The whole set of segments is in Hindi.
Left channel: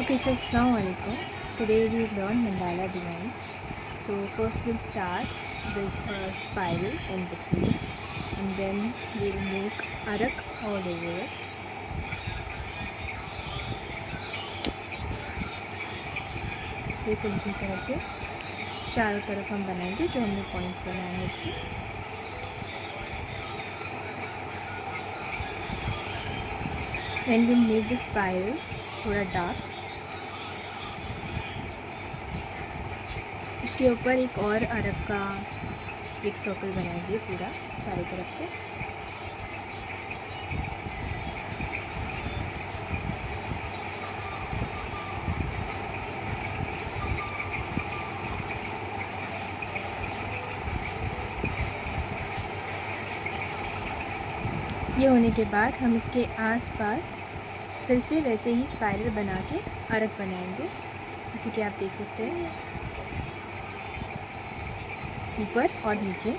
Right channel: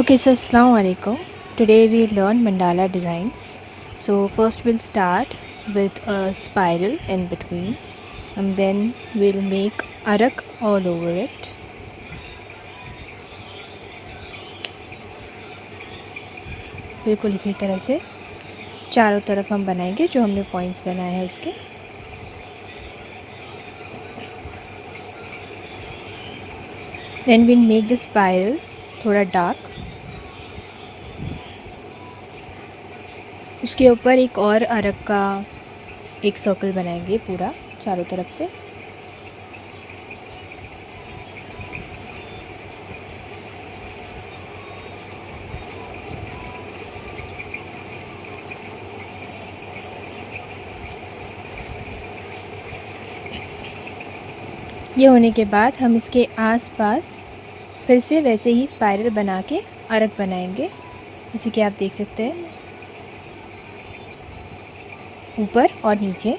Okay, so Assalamu alaikum. Today we learn mandala designs. So first we'll start with a spiral in between, and then we'll make arak all over it. बिल्कुल इसी तरह से चारों तरफ हम बनाएंगे जो हमने पॉइंट्स बनाए हैं उसके. Then we'll make the spiral थोड़ा डार्क. उसके ऊपर एक और अरक का एक सर्कल बनाएंगे पूरा चारों तरफ से. ये होने के बाद हम इसके आसपास फिर से वैसे ही स्पाइरल बना के अरक बनाएंगे, जैसे कि आप देख सकते हैं, ऊपर और नीचे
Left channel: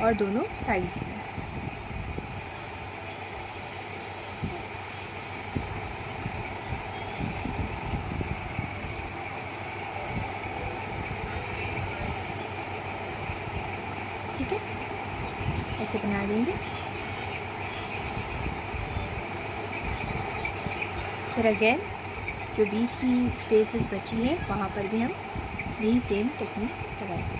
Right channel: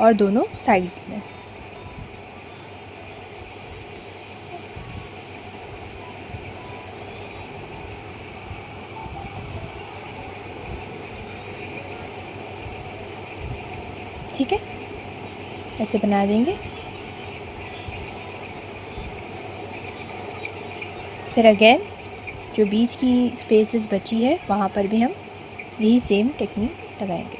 और दोनों साइड्स में. ठीक है, ऐसे बना देंगे. फिर अगेन जो बीच की स्पेसेस बची है वहाँ पर भी हम यही सेम टेक्निक लगाएंगे.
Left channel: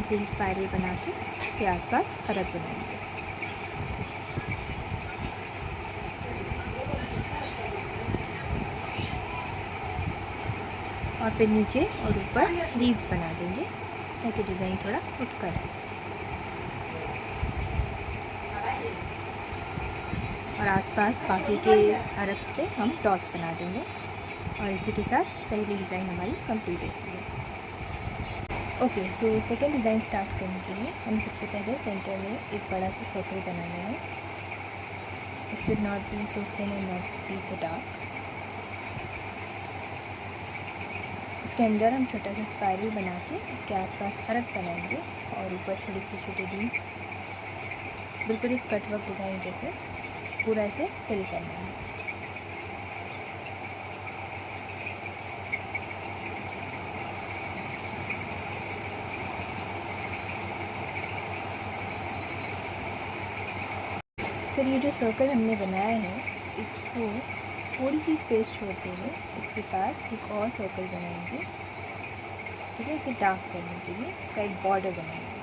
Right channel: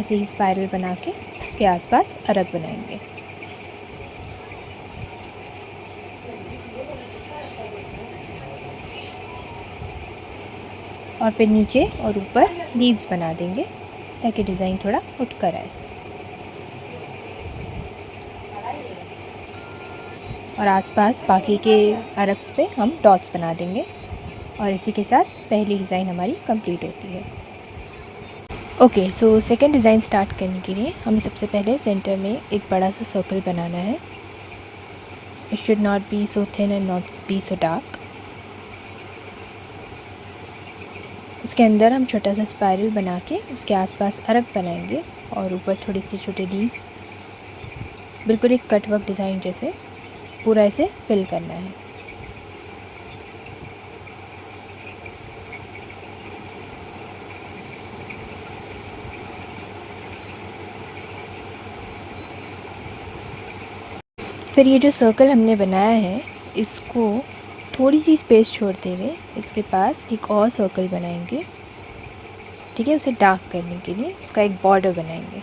ऐसे ही स्पाइरल बना के उसके आसपास अरक बनाएंगे. और फिर नीचे और ऊपर लीव्स बना देंगे ताकि डिज़ाइन थोड़ा उठ कर आए. और आसपास बाकी के अरक्स पे हम डॉट्स बना देंगे. और इसी के साथ पहली डिज़ाइन हमारी कंप्लीट होती है. Okay, so second design start करने के लिए हमें सबसे पहले सेंटर में एक बड़ा सा सर्कल बनाना है. It should not be so thin and not be so dark. उसके अंदर हम छोटा सा स्पाइरल बना के उसके आसपास अरक बनाएंगे और ऊपर थोड़ी सी छोटे लीव्स, बिल्कुल एक कट वर्क डिज़ाइन जैसे पूरा ऐसे फिल करना है. फिर ये जो सर्कल हमने बनाया है इसको थोड़ी सी स्पेस छोड़ते हुए इसके पास एक और सर्कल बनाएंगे. ठीक है, उसे डार्क करने के लिए उसका एक बॉर्डर बनाएंगे.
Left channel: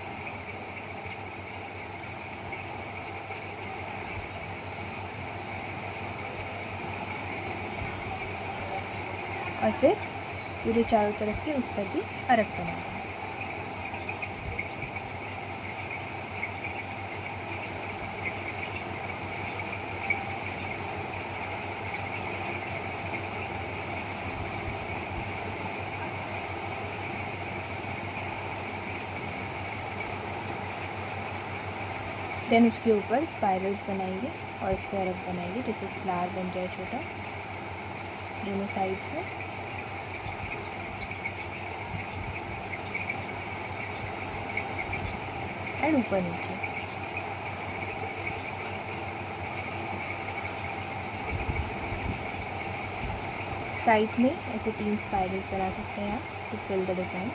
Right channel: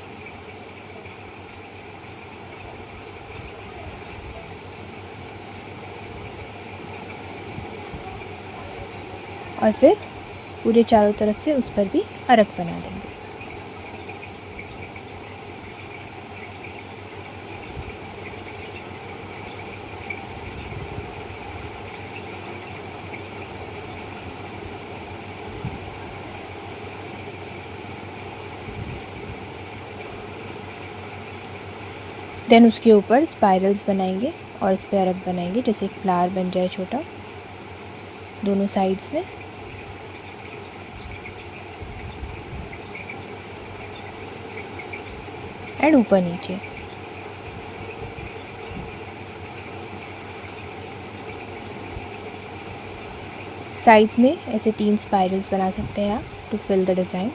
और फिर पूरे चारों तरफ से उस पर भी अरक बना देंगे. देन उसके ऊपर स्पाइरल्स बनाएंगे और इस पर अरक बनाएंगे जैसे एक फ्लावर बन जाए छोटा दोनों साइड्स में. एंड ऊपर नीचे. साइड्स में ऐसे 3 स्पाइरल्स बना सकते हैं आप to fill the design.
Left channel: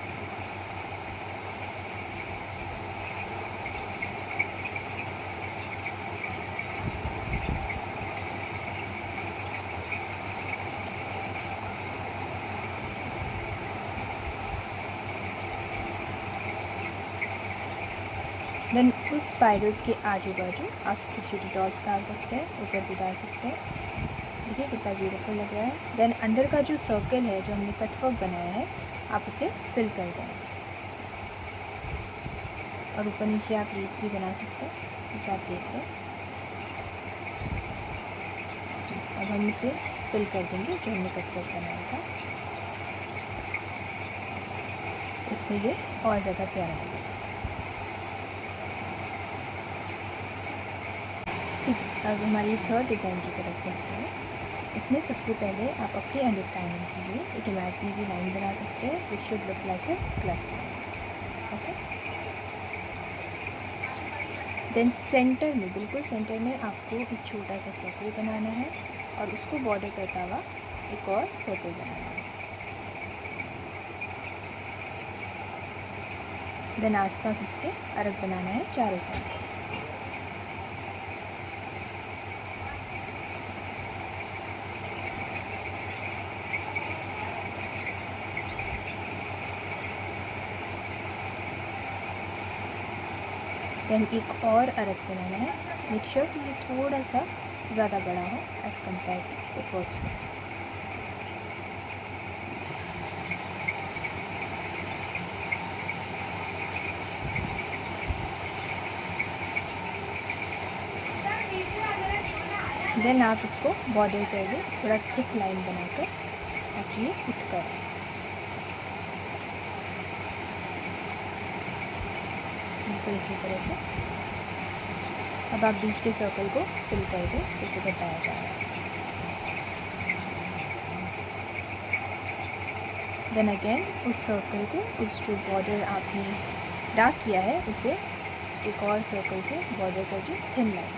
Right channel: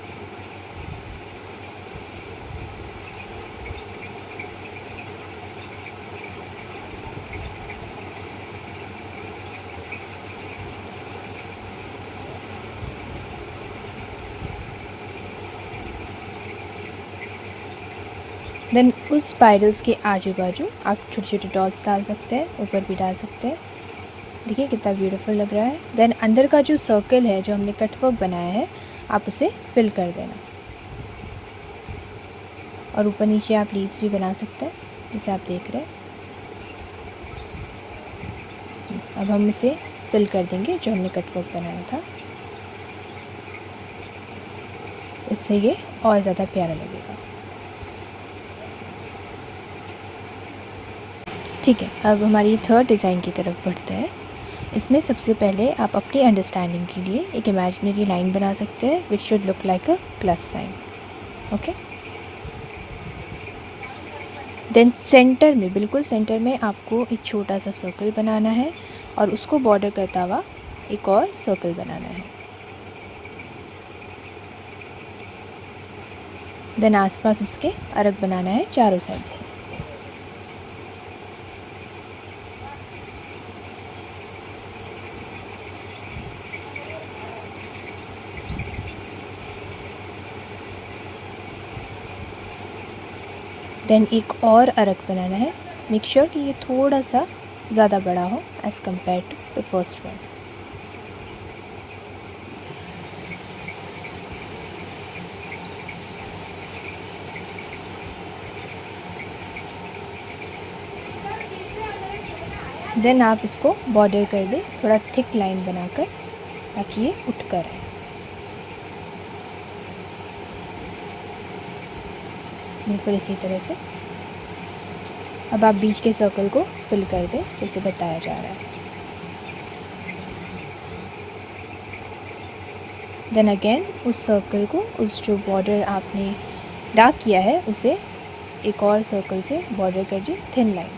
Then उस स्पाइरल्स के आजू बाजू आप छोटे छोटे डॉट्स डाल सकते हैं, ऊपर भी डाल सकते हैं. देखिए कितना ब्यूटीफुल लग रहा है. देन अंदर का जो सर्कल है जो हमने कटवर्क बनाया है आप उसे फिल कर देना. और ऊपर नीचे आप लीव्स भी बना सकते हैं जैसे आप देख रहे हैं. अब हम इसे फिल कर देंगे जो हमने कटवर्क बनाया था. इससे ये और ज़्यादा प्यारा लगेगा. ठीक है, अब हमारी थर्ड डिज़ाइन की तरफ बढ़ते हैं. इसमें सबसे पहले आप अपनी अंडरस्टैंडिंग के लिए एक इमेजिनरी लाइन बना सकते हैं which should look like a plus sign. Okay, then centre में, बिल्कुल सेंटर में आपको एक छोटा सा सर्कल बनाना है और उसको बॉर्डर करता हुआ एक और सर्कल बनाना है। देन आसपास उसके अर्क बनाना है चारों साइड से। देन एक और अर्क बनाना है। मेक श्योर कि ये थोड़ा सा ज़्यादा बड़ा हो as compare to the first one. Then आप इसको बॉर्डर कर दें थोड़ा थिक लाइन बनाकर, ताकि ये उठ कर आए। बिल्कुल इसी तरह से। अब आप बीच के सर्कल को फिल कर दें जैसे बताया जा रहा है। देन अगेन उस सर्कल को, उस जो बॉर्डर आपने डार्क किया है उसे एक और सर्कल से बॉर्डर कर दीजिए, थिन लाइन,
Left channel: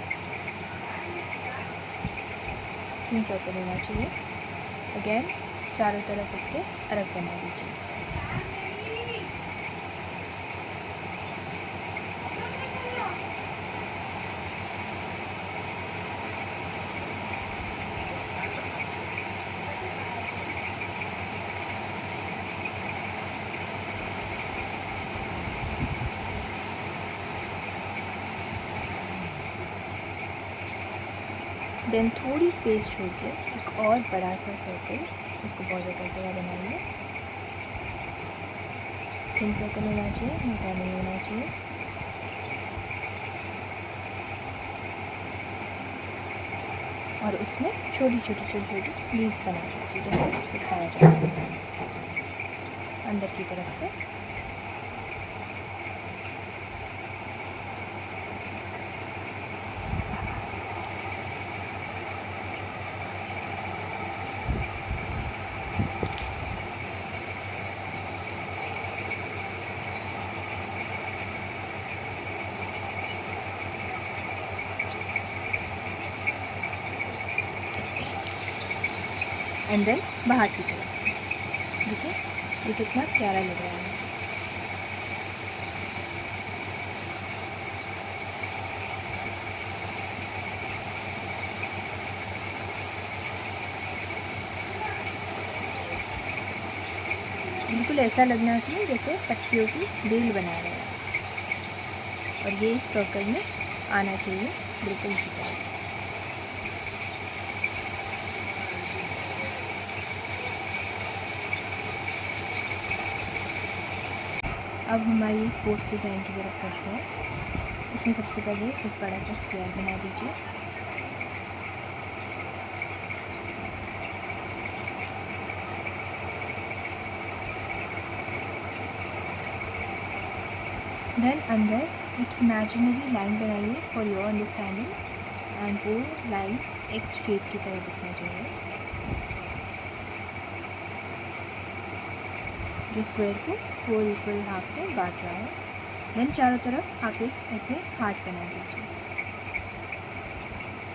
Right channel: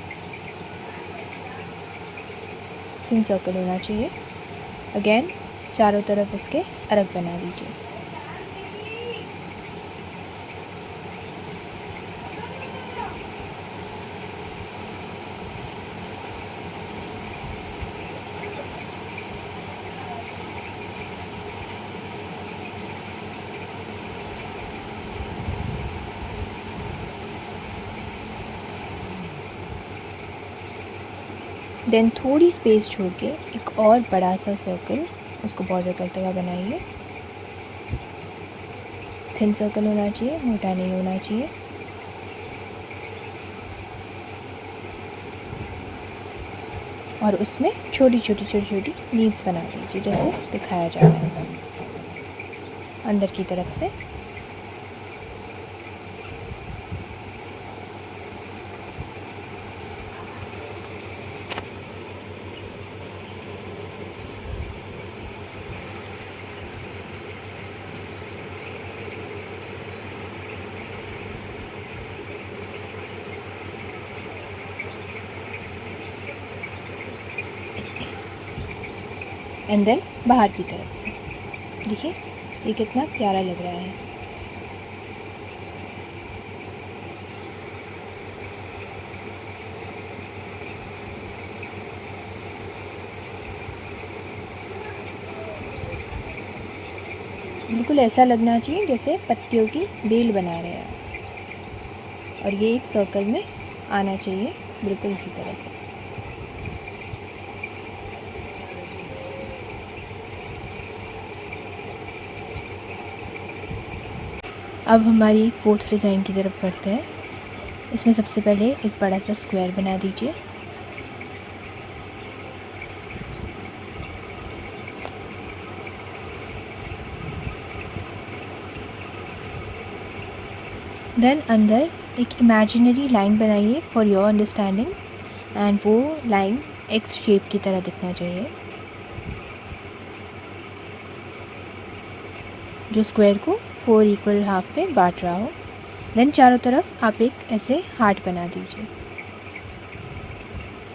थिन सर्कल होना चाहिए। अगेन चारों तरफ उसके अर्क बना दीजिए। देन थोड़ी स्पेस छोड़ के एक और बड़ा सा सर्कल उसको बॉर्डर करते हुए बनाइए। थिन सर्कल होना चाहिए, मोटा नहीं होना चाहिए। और उसमें छोटी छोटी लीव्स बना दीजिए जैसे दिखाया जा रहा है अंदर की तरफ से। एंड देन बाहर की तरफ से देखिए ये कितना प्यारा लग रहा है। बिल्कुल ऐसा लगना चाहिए जैसे पत्तियों की बेल बना रहे हैं, और ये एक सर्कल में आना चाहिए बिल्कुल इसी तरह से। अब हमारी फोर्थ डिज़ाइन की तरफ बढ़ते हैं। इसमें सबसे पहले एक बड़ा सा स्क्वायर बना दीजिए। देन अंदर एक इमेजिनरी लाइन बनाइए फॉर योर अंडरस्टैंडिंग, एंड वो लाइन एक्स शेप की तरह दिखना चाहिए जो स्क्वायर को 4 इक्वल हाफ में बांट रहा हो। देन चारों तरफ आप एक ऐसे हार्ट बना दीजिए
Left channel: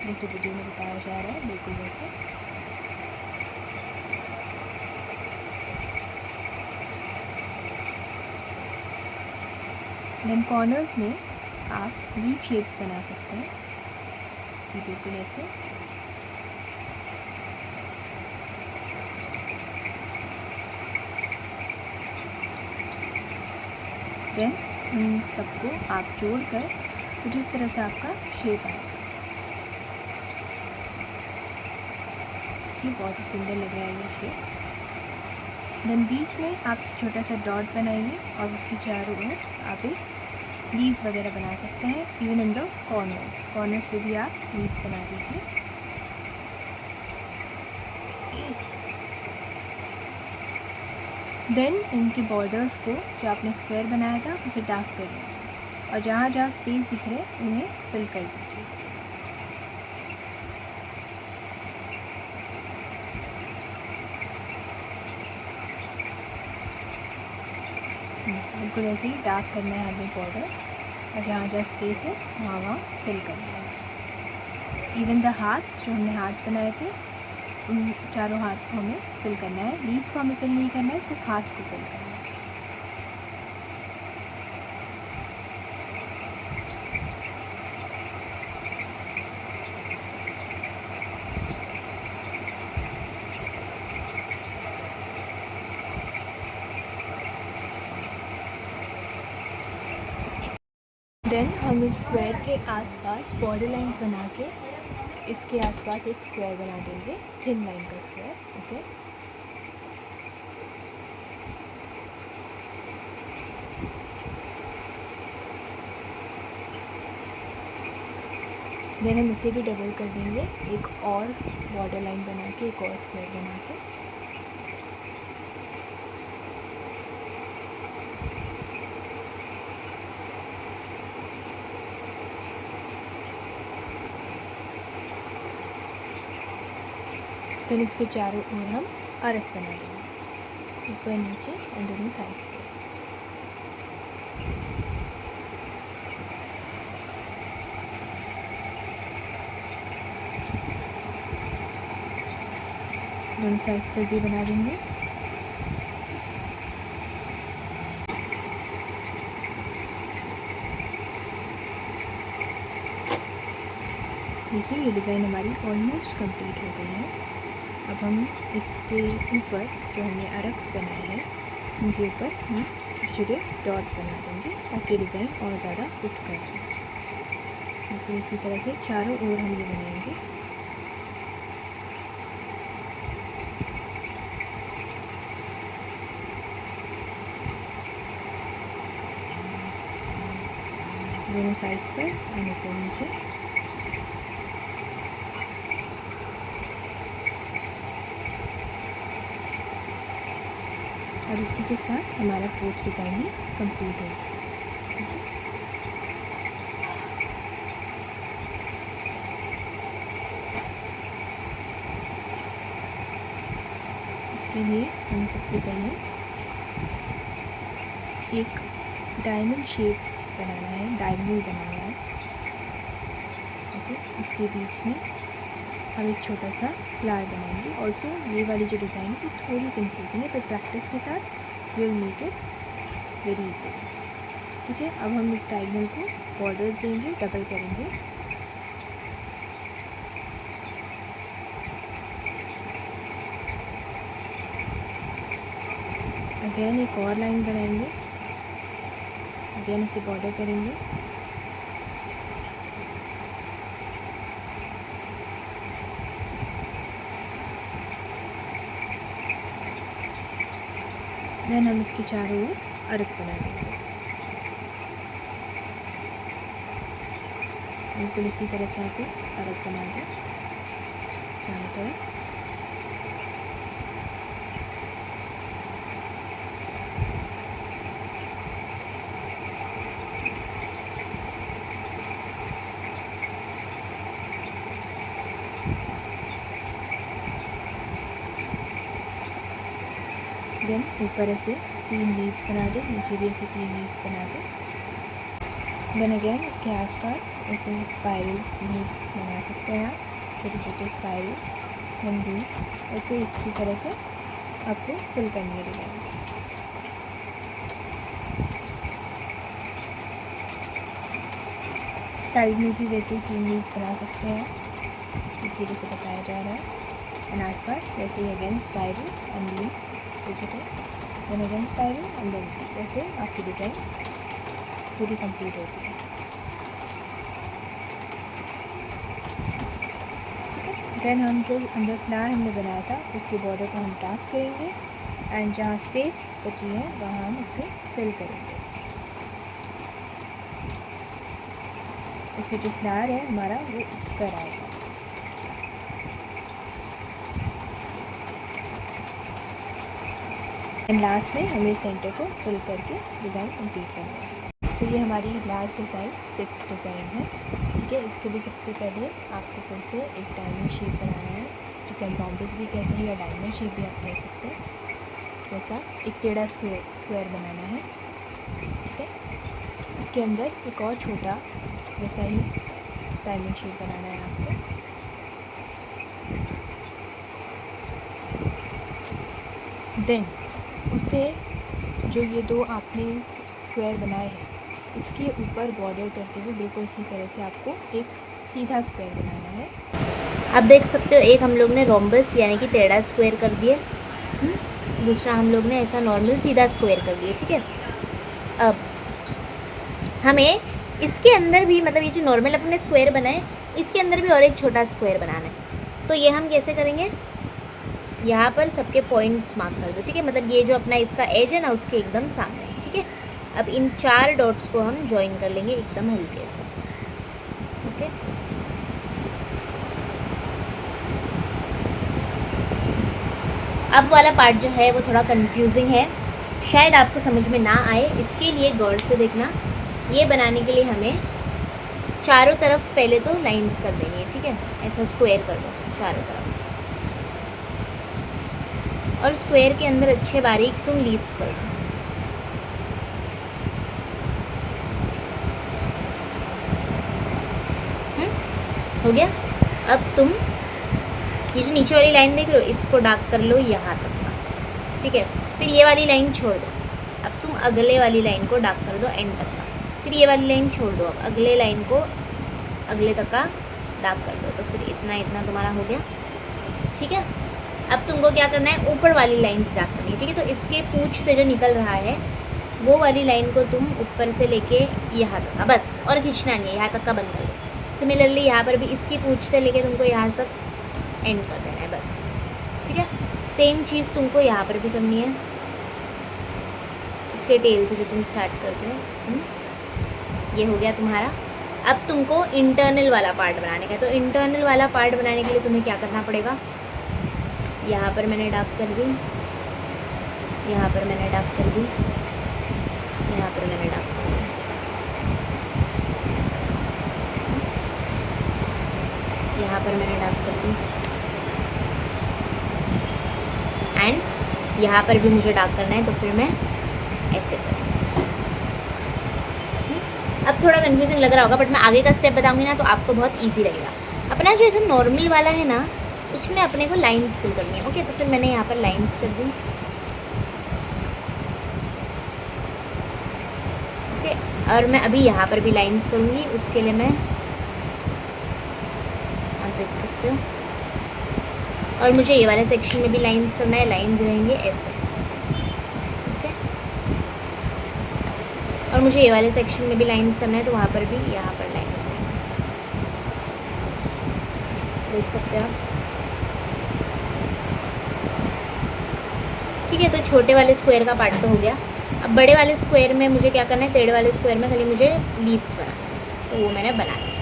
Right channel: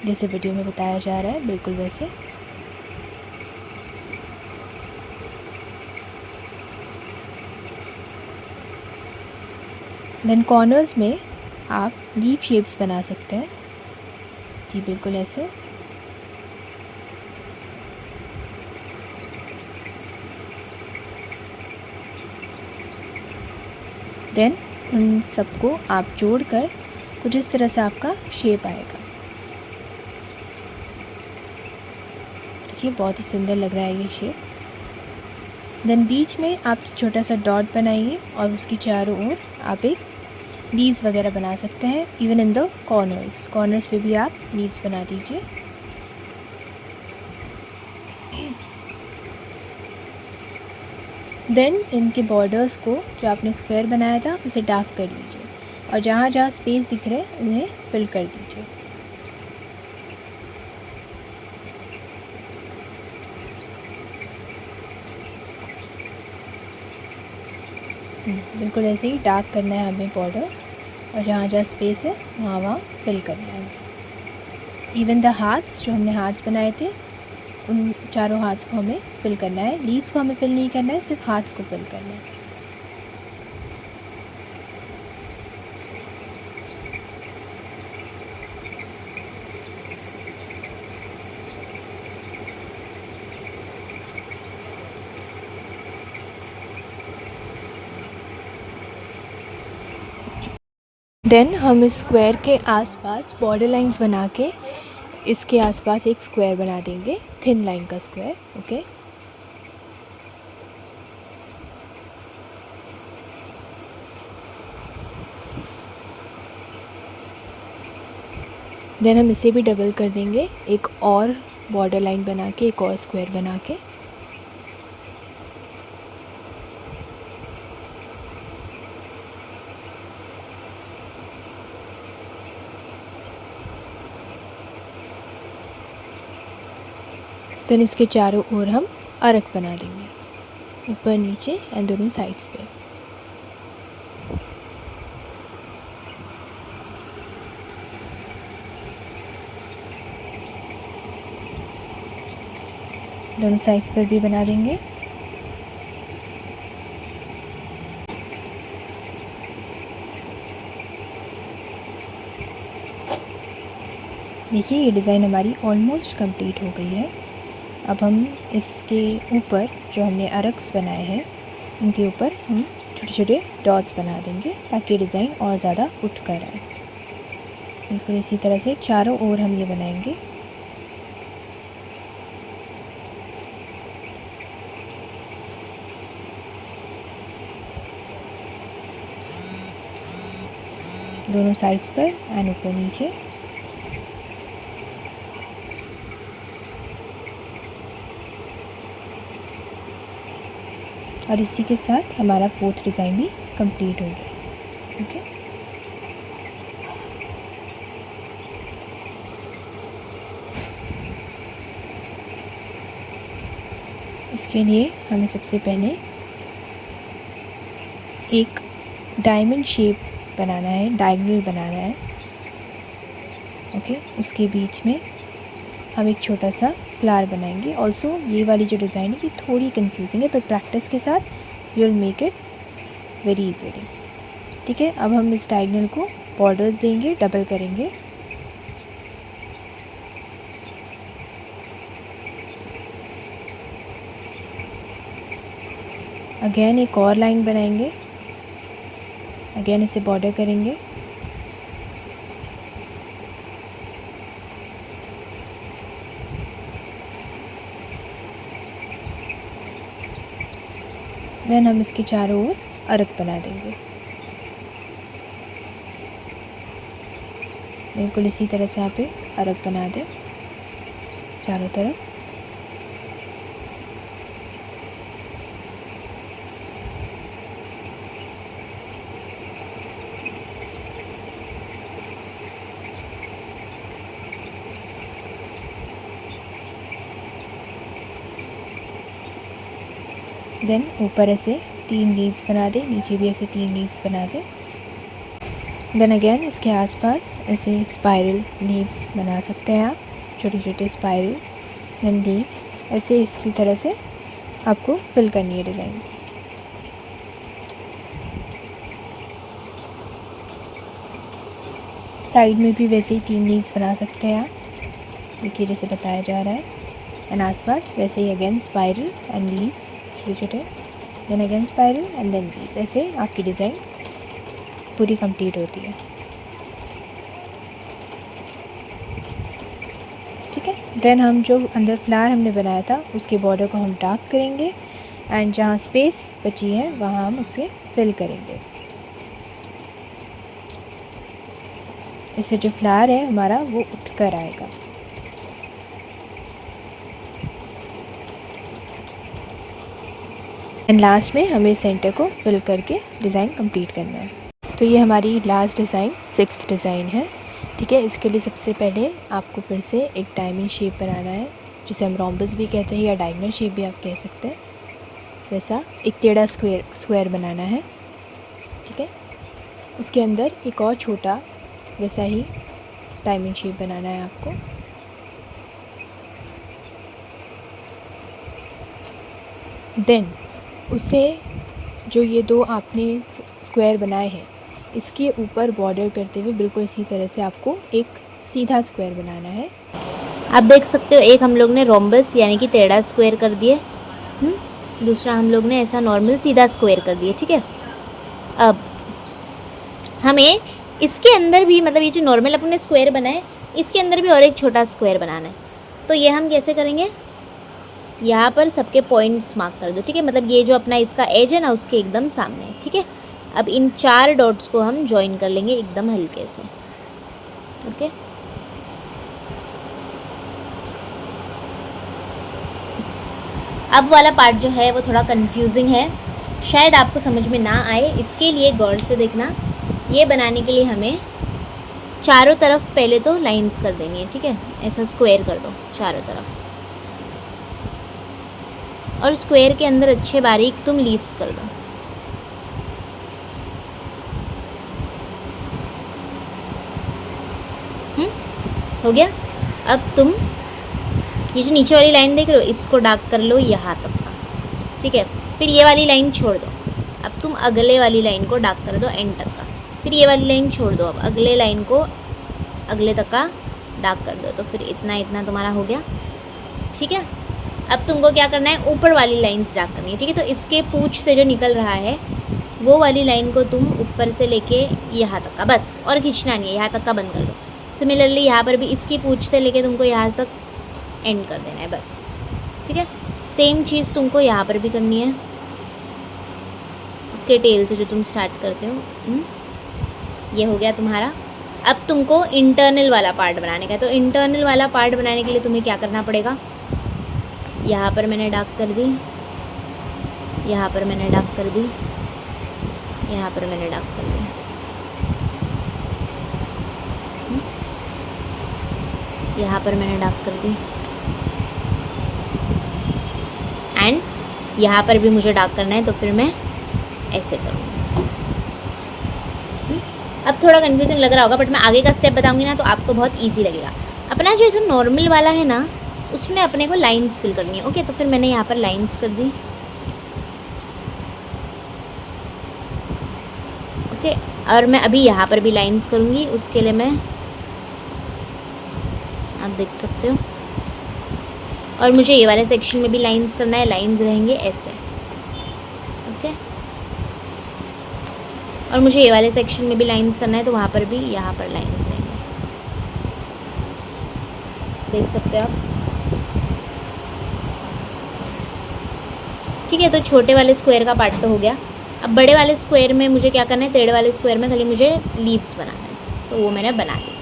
जैसे वीडियो में बताया जा रहा है, बिल्कुल वैसे। देन कॉर्नर्स में आप लीफ शेप्स बना सकते हैं जी, बिल्कुल ऐसे। देन उन सबको आप जोड़कर कुछ इस तरह से आपका शेप आएगा। देखिए बहुत ही सुंदर लग रहा है ये शेप। देन बीच में आप छोटा सा डॉट बनाइए और उसकी चारों ओर आप एक लीव्स वगैरह बना सकते हैं। इवन इन द कॉर्नर्स पे भी आप लीव्स बना दीजिए। देन इनके बॉर्डर्स को जो आपने स्क्वायर बनाया था उसे डार्क कर लीजिए, और जहाँ जहाँ स्पेस दिख रहे हैं उन्हें फिल कर दीजिए। बिल्कुल ऐसे ही डार्क करना है हमें बॉर्डर, और जहाँ जहाँ स्पेस है वहाँ वहाँ फिल करना है। इवन द हार्ट्स, जो हमने हार्ट्स बनाए थे उन चारों हार्ट्स को हमें फिल करना है। लीव्स को हमें फिल नहीं करना है, सिर्फ हार्ट्स को फिल करना है। देन हम इस स्क्वायर के आसपास बॉर्डर लाइंस बना के इसके आसपास एक स्क्वायर बना देंगे, थिन लाइन का स्क्वायर। ओके, देन हम इसे भी डबल कर देंगे, एक और बॉर्डर लाइन बना के, एक और स्क्वायर बना के। देन उसके चारों ओर हम अर्क बना देंगे, ऊपर नीचे एंड दोनों साइड्स पे। दोनों साइड्स पर भी बना देंगे। देखिए ये डिज़ाइन हमारी ऑलमोस्ट कंप्लीट हो गई है। अब हम इसके ऊपर जो हमने अर्क्स बनाए हैं उनके ऊपर हम छोटे छोटे डॉट्स बना देंगे ताकि डिज़ाइन और ज़्यादा उठ कर आए। इसको इसी तरह से चारों ओर हम ये बनाएंगे। दोनों साइड्स पर एंड ऊपर नीचे। और इसी के साथ हमारा फोर्थ डिज़ाइन भी कंप्लीट हो गया। ठीक है, इसके लिए हमें सबसे पहले एक डायमंड शेप बनाना है, डायगोनल बनाना है। ओके, उसके बीच में हम एक छोटा सा फ्लावर बनाएंगे। ऑल्सो ये वाली जो डिज़ाइन है ये थोड़ी कंफ्यूजिंग है, पर प्रैक्टिस के साथ you will make it very easily. ठीक है, अब हम इस डायगोनल को बॉर्डर्स देंगे, डबल करेंगे। अगेन एक और लाइन बनाएंगे, अगेन इसे बॉर्डर करेंगे। देन हम इसके चारों ओर अर्क बना देंगे। बिल्कुल इसी तरह से यहाँ पे अर्क बना दें चारों तरफ। देन ऊपर ऐसे 3 लीव्स बना दें, नीचे भी ऐसे 3 लीव्स बना दें। देन अगेन इसके आसपास ऐसे स्पाइरल लीव्स बना सकते हैं आप, छोटे छोटे स्पाइरल देन लीव्स। ऐसे इसकी तरह से आपको फिल करनी है डिज़ाइंस। साइड में भी वैसे ही 3 लीव्स बना सकते हैं आप, देखिए जैसे बताया जा रहा है। एंड आसपास वैसे ही अगेन स्पाइरल एंड लीव्स छोटे छोटे, then again spiral and then leaves. ऐसे आपकी डिज़ाइन पूरी कंप्लीट होती है। ठीक है, देन हम जो अंदर फ्लावर हमने बनाया था उसके बॉर्डर को हम डार्क करेंगे एंड जहाँ स्पेस बची है वहाँ हम उसे फिल करेंगे। इससे जो फ्लावर है हमारा वो उठ कर आएगा। एंड लास्ट में हमें सेंटर को फिल करके डिज़ाइन कंप्लीट करना है। तो ये हमारी लास्ट डिज़ाइन 6th डिज़ाइन है। ठीक है, इसके लिए सबसे पहले आपको फिर से एक डायमंड शेप बनाना है, जिसे हम रोम्बस भी कहते हैं या डायगोनल शेप भी आप कह सकते हैं। वैसा एक टेढ़ा स्क्वायर बनाना है। ठीक है, उसके अंदर एक और छोटा वैसा ही डायमंड शेप बनाना है आपको। देन उसे जो ये दो आपने स्क्वायर बनाए हैं इसके ऊपर बॉर्डर करते हुए बिल्कुल इसी तरह से आपको एक सीधा स्क्वायर बनाना है। आप देख सकते हो, एक हम लोग ने रोम्बस यानी कि टेढ़ा स्क्वायर कर दिए, दूसरा हम लोग ने ऐसा नॉर्मल सीधा स्क्वायर कर दिए। ठीक है, अब हमें इसके अंदर भी, मतलब ये जो नॉर्मल अपने स्क्वायर बनाए इसके अंदर भी और एक छोटा स्क्वायर बनाना है। तो ये हम कैसे करेंगे, यहाँ पर सबके पॉइंट्स मार्क कर दो। ठीक है, मतलब ये जो अपना इसका एज है ना उसके एकदम सामने। ठीक है, अब इन 4 डॉट्स को हम ज्वाइन कर लेंगे एकदम हल्के से। ओके, अब वाला पार्ट जो है वो थोड़ा कंफ्यूजिंग है, शायद आपको समझ में ना आए, इसके लिए गौर से देखना। ये बनाने के लिए हमें चारों तरफ पहले तो लाइंस कर देनी है। ठीक है, ऐसा स्क्वायर कर दो चारों तरफ, और स्क्वायर के अंदर अच्छे बारीक तुम लीव्स कर दो। हो गया। अब तुम ये जो नीचे वाली लाइन देख रहे हो इसको डार्क कर लो यहाँ तक। ठीक है, फिर ये वाली लाइन छोड़ दो। अब तुम अगले वाली लाइन को डार्क कर दो एंड तक का। फिर ये वाली लाइन छोड़ दो, अब अगले लाइन को अगले तक का डार्क कर दो। तो फिर इतना इतना तुम्हारा हो गया। ठीक है, अब तुमको क्या करना है, ऊपर वाली लाइन्स डार्क करनी है। ठीक है, तो इसके पूंछ से जो निकल रहा है वो वाली लाइन को तुम ऊपर से लेके यहाँ तक का, बस और खींचना नहीं है, यहाँ तक का बंद कर दो। सिमिलरली यहाँ पर भी इसकी पूंछ से लेके तुमको यहाँ तक एंड कर देना है बस। ठीक है, सेम चीज़ तुमको यहाँ पर भी करनी है, उसके टेल से जो तुम स्टार्ट करते हो। ये हो गया तुम्हारा। अब तुमको इंटरनल वाला पार्ट बनाने का है। तो इंटरनल वाला पार्ट बनाने के लिए तुम्हें क्या करना पड़ेगा, यहाँ पर मैंने डार्क कर दी, यहाँ पर मैंने डार्क कर दी, यहाँ पर मैंने डार्क कर दी। यहाँ पर मैंने डार्क कर दी, एंड यहाँ पर भी मुझे डार्क करना है, तो फिर मैं ऐसे कर दूँ। अब थोड़ा कंफ्यूजिंग लग रहा होगा, बट मैं आगे का स्टेप बताऊंगी ना तो आपको बहुत इजी लगेगा। अपना जो ऐसा नॉर्मल वाला है ना उसमें अपने को लाइंस फिल करनी है। ओके, तो फिर मैंने यहाँ पर लाइंस कर दी। ओके, और मैं अभी यहाँ पर भी लाइंस करूँगी। उसके लिए मैं, आप देख सकते हो, और मुझे ये वाले सेक्शन में भी लाइंस करना है। लाइंस रहेंगे ऐसे। ओके, और मुझे ये वाले सेक्शन में भी लाइंस करना है, तो वहाँ पर भी यहाँ पर लाइंस रहेंगे, देख सकते हो आप। ठीक है, तो छोटे वाले स्क्वायर का पार्ट तो हो गया। अब बड़े वाले स्क्वायर में मुझे क्या करना है, टेढ़े वाले स्क्वायर में खाली मुझे लीव्स बनाना है, तो वो मैंने बना लिया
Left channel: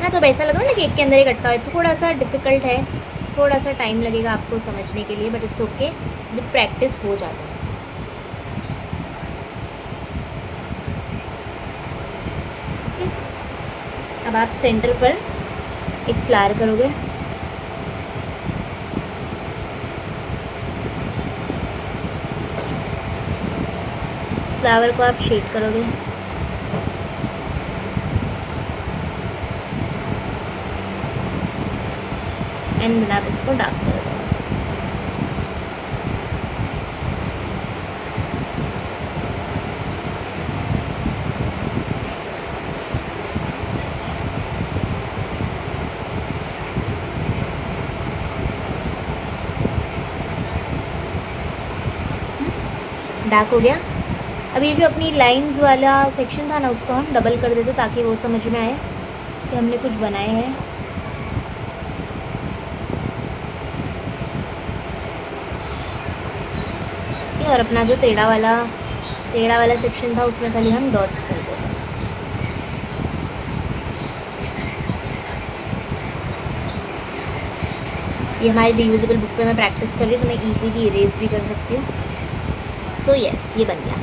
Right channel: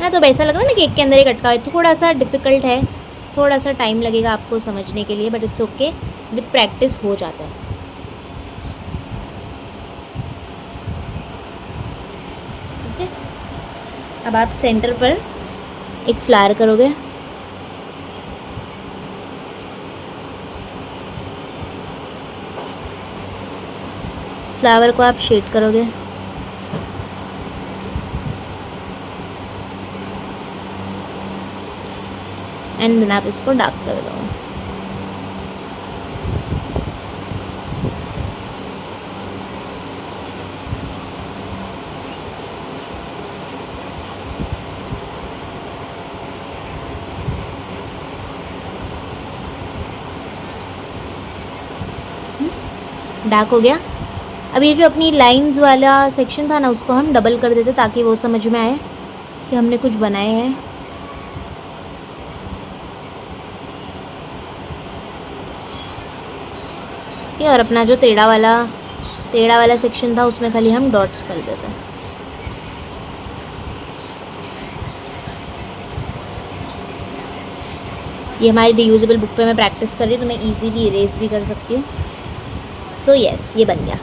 ना। तो ऐसा लग रहा है ना कि एक के अंदर एक अटका है, थोड़ा सा डिफ़िकल्ट है, थोड़ा सा टाइम लगेगा आपको समझने के लिए, but it's okay, with practice हो जाता है। ओके, अब आप सेंटर पर एक फ्लावर करोगे। फ्लावर को आप शेड करोगे, एंड देन आप इसको डार्क कर दो। डार्क हो गया। अब ये जो अपनी लाइंस वाला सेक्शन था ना उसको हम डबल कर देते ताकि वो समझ में आए कि हमने कुछ बनाए हैं। और अपना जो टेढ़ा वाला सेक्शन था उसमें खाली हम डॉट्स कर देते। ये हमारी रीयूजेबल बुक पे मैं प्रैक्टिस कर रही हूँ, तो मैं इजीली इरेज भी कर सकती हूँ। सो यस, ये बन गया।